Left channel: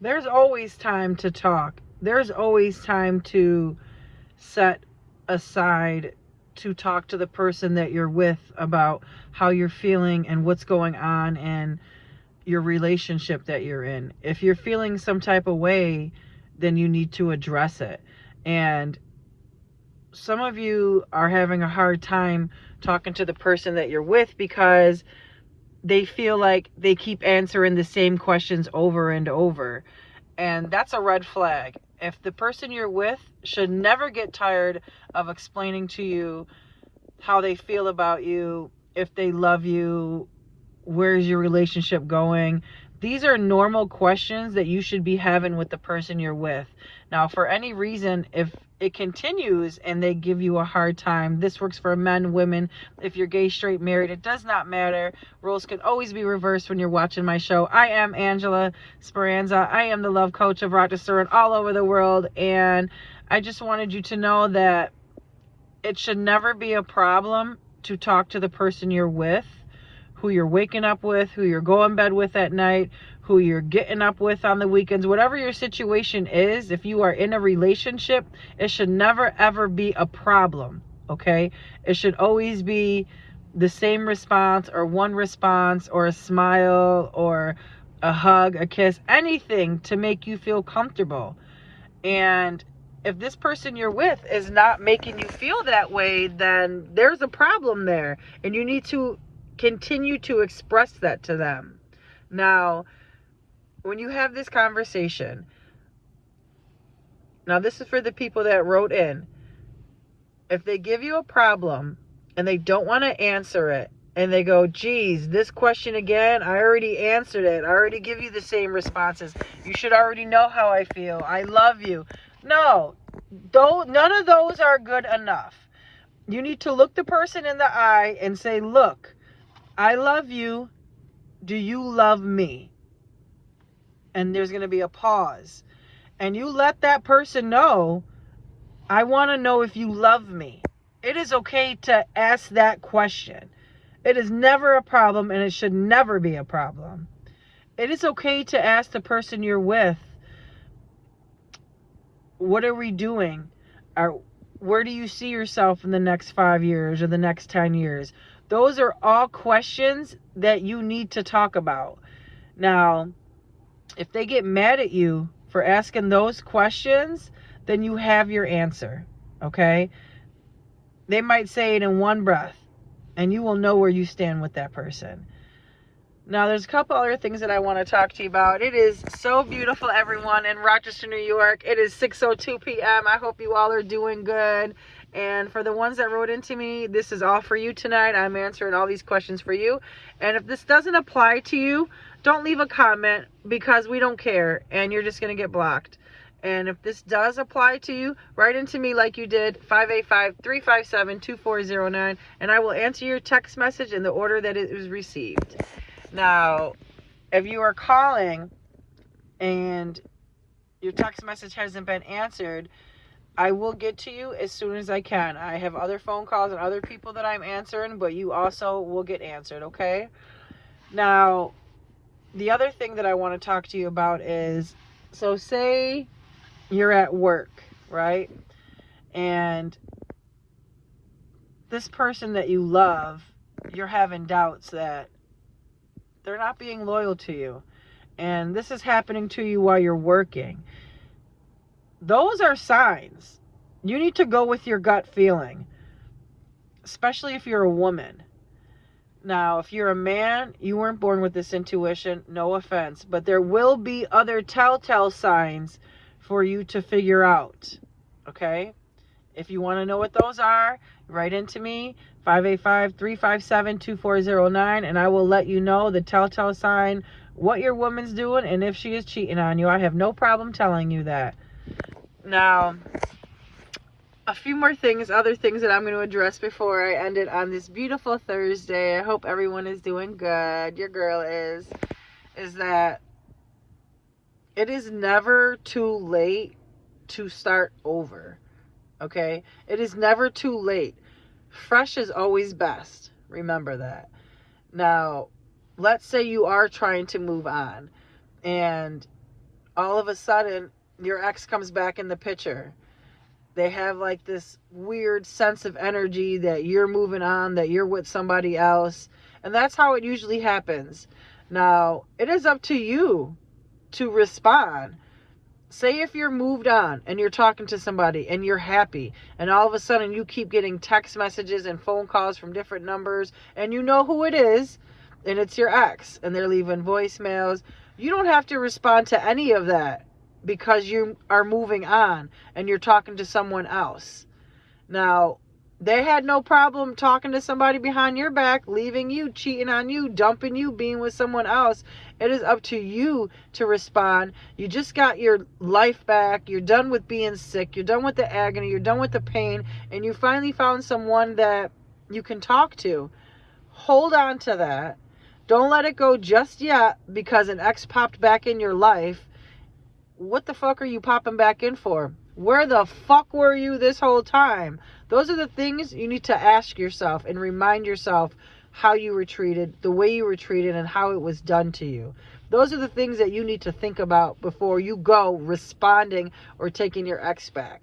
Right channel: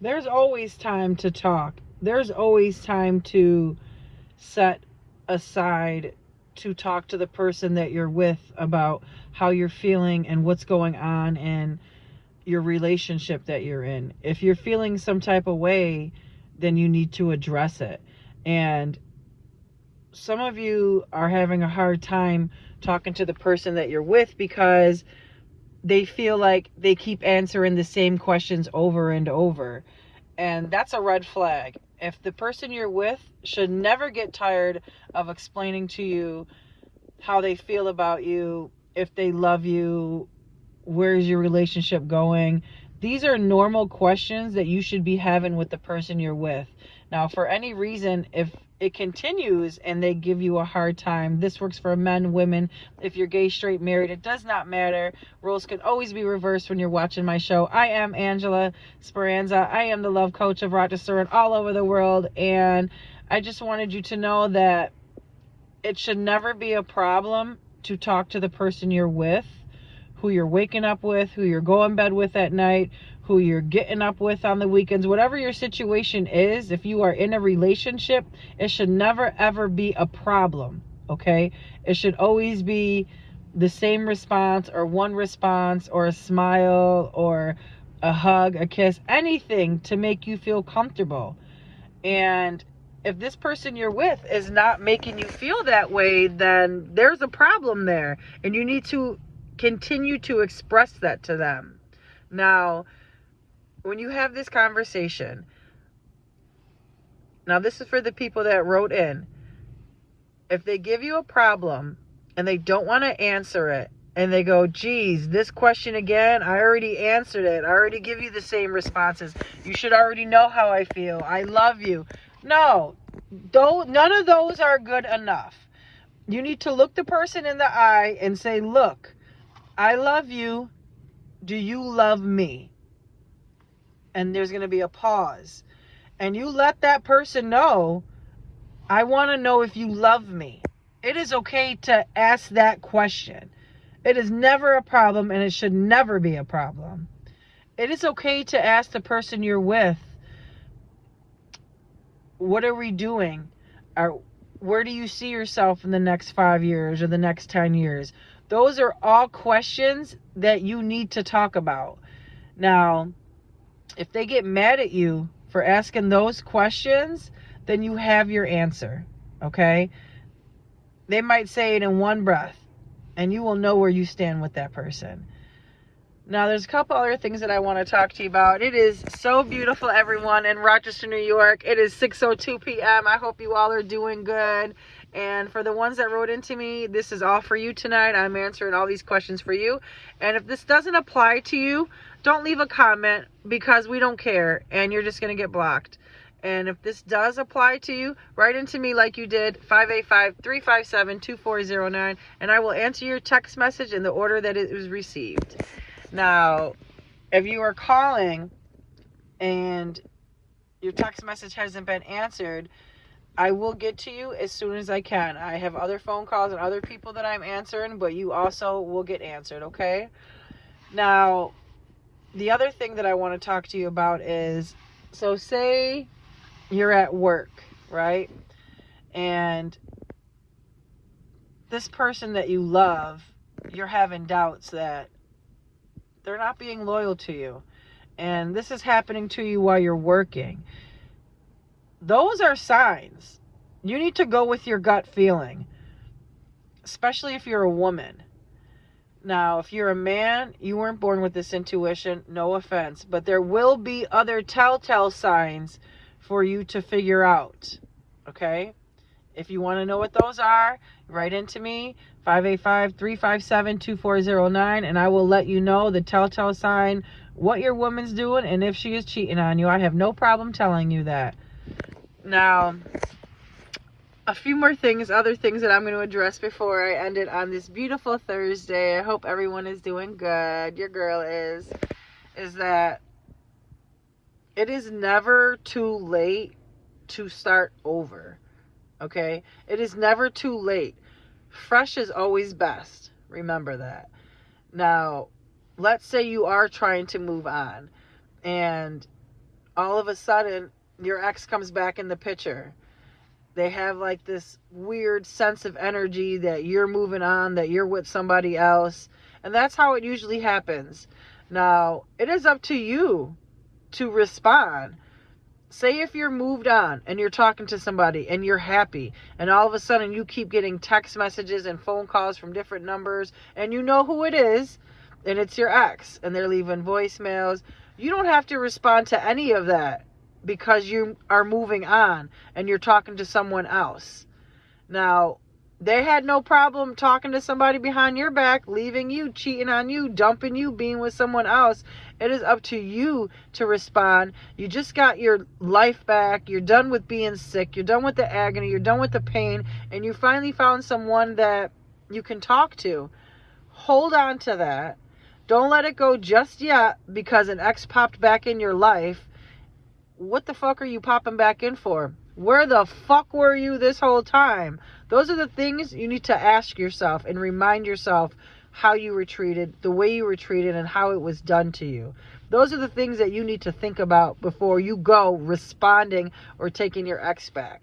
There's always time to talk. There's always time to set aside to talk to the person that you're with about how you're feeling and what's going on in your relationship that you're in. If you're feeling some type of way, then you need to address it. And some of you are having a hard time talking to the person that you're with because they feel like they keep answering the same questions over and over. And that's a red flag. If the person you're with should never get tired of explaining to you how they feel about you, if they love you, where's your relationship going? These are normal questions that you should be having with the person you're with. Now, for any reason, if it continues and they give you a hard time, this works for men, women, if you're gay, straight, married, it does not matter. Roles can always be reversed when you're watching my show. I am Angela Speranza. I am the love coach of Rochester and all over the world. And I just wanted you to know that it should never be a problem to talk to the person you're with, who you're waking up with, who you're going to bed with at night, who you're getting up with on the weekends. Whatever your situation is, if you are in a relationship, it should never ever be a problem, okay? It should always be the same response, or one response, or a smile, or a hug, a kiss, anything to make you feel comfortable. And if this person you're with is not making you feel that way, then there's a problem there, and you need to continue to express that to them. Now, when you have this conversation, now this is for the people that wrote in. If they give you a problem and they don't want to answer it, and they go, geez, this question again, I already answered it. I already give you the same responses. You should already know how I feel. I love you. No, none of those are good enough. You need to look the person in the eye and say, look, I love you. Do you love me? And there's going to be a pause. And you let that person know, I want to know if you love me. It is okay to ask that question. It is never a problem, and it should never be a problem. It is okay to ask the person you're with, what are we doing? Where do you see yourself in the next 5 years or the next 10 years? Those are all questions that you need to talk about. Now, if they get mad at you for asking those questions, then you have your answer, okay? They might say it in one breath, and you will know where you stand with that person. Now, there's a couple other things that I want to talk to you about. It is so beautiful, everyone, in Rochester, New York. It is 6:02 p.m. I hope you all are doing good. And for the ones that wrote into me, this is all for you tonight. I'm answering all these questions for you. And if this doesn't apply to you, don't leave a comment, because we don't care, and you're just going to get blocked. And if this does apply to you, write into me like you did, 585-357-2409, and I will answer your text message in the order that it was received. Now, if you are calling and your text message hasn't been answered, I will get to you as soon as I can. I have other phone calls and other people that I'm answering, but you also will get answered, okay? Now, the other thing that I want to talk to you about is, so say you're at work, right? And this person that you love, you're having doubts that they're not being loyal to you. And this is happening to you while you're working. Those are signs. You need to go with your gut feeling, especially if you're a woman. Now, if you're a man, you weren't born with this intuition, no offense, but there will be other telltale signs for you to figure out, okay? If you want to know what those are, write into me, 585-357-2409, and I will let you know the telltale sign, what your woman's doing, and if she is cheating on you. I have no problem telling you that. Now, a few more things, other things that I'm going to address before I end it on this beautiful Thursday. I hope everyone is doing good. Your girl is that it is never too late to start over, okay? It is never too late. Fresh is always best. Remember that. Now, let's say you are trying to move on, and all of a sudden your ex comes back in the picture. They have like this weird sense of energy that you're moving on, that you're with somebody else. And that's how it usually happens. Now, it is up to you to respond. Say if you're moved on and you're talking to somebody and you're happy, and all of a sudden you keep getting text messages and phone calls from different numbers, and you know who it is, and it's your ex, and they're leaving voicemails. You don't have to respond to any of that because you are moving on and you're talking to someone else. Now, they had no problem talking to somebody behind your back, leaving you, cheating on you, dumping you, being with someone else. It is up to you to respond. You just got your life back. You're done with being sick. You're done with the agony. You're done with the pain. And you finally found someone that you can talk to. Hold on to that. Don't let it go just yet because an ex popped back in your life. What the fuck are you popping back in for? Where the fuck were you this whole time? Those are the things you need to ask yourself and remind yourself how you were treated, the way you were treated, and how it was done to you. Those are the things that you need to think about before you go responding or taking your ex back.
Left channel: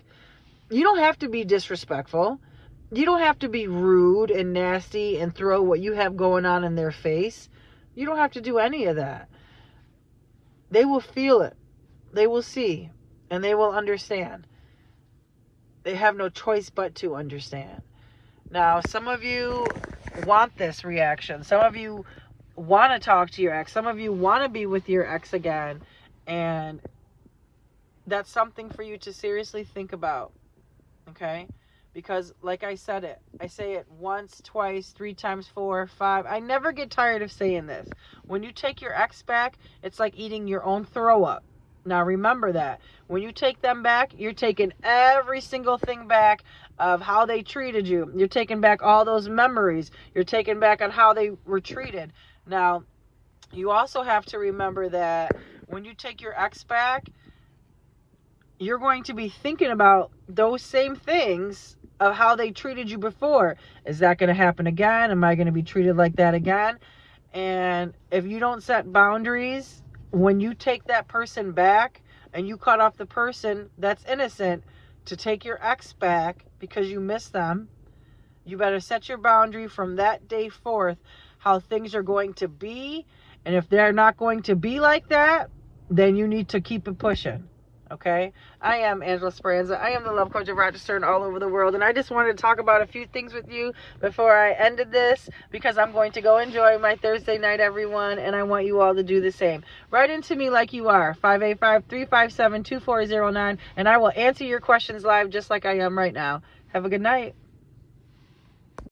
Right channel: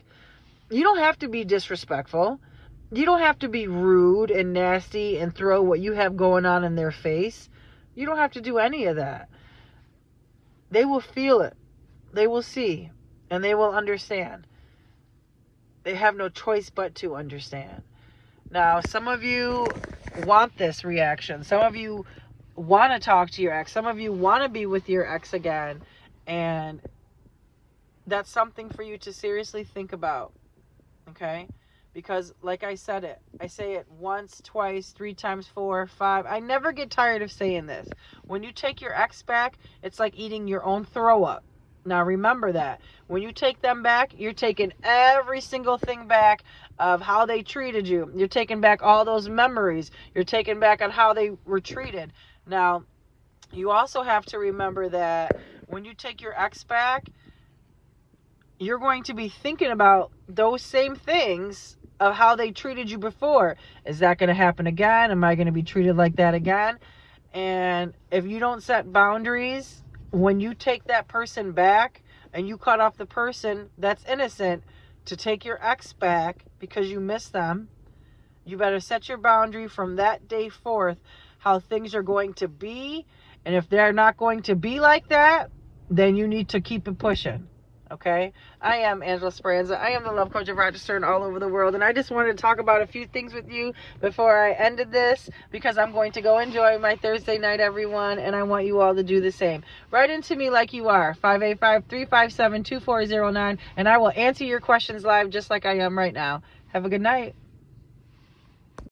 You don't have to be disrespectful. You don't have to be rude and nasty and throw what you have going on in their face. You don't have to do any of that. They will feel it. They will see. And they will understand. They have no choice but to understand. Now, some of you want this reaction. Some of you want to talk to your ex. Some of you want to be with your ex again. And that's something for you to seriously think about. Okay? Because like I said it. I say it once, twice, 3 times, 4, 5. I never get tired of saying this. When you take your ex back, it's like eating your own throw up. Now remember that. When you take them back, you're taking every single thing back of how they treated you. You're taking back all those memories. You're taking back on how they were treated. Now, you also have to remember that when you take your ex back, you're going to be thinking about those same things of how they treated you before. Is that going to happen again? Am I going to be treated like that again? And if you don't set boundaries, when you take that person back and you cut off the person that's innocent to take your ex back because you miss them, you better set your boundary from that day forth how things are going to be. And if they're not going to be like that, then you need to keep it pushing. Okay? I am Angela Speranza. I am the love coach of Rochester and all over the world. And I just wanted to talk about a few things with you before I ended this, because I'm going to go enjoy my Thursday night, everyone. And I want you all to do the same. Write into me like you are. 585-357-2409. And I will answer your questions live just like I am right now. Have a good night.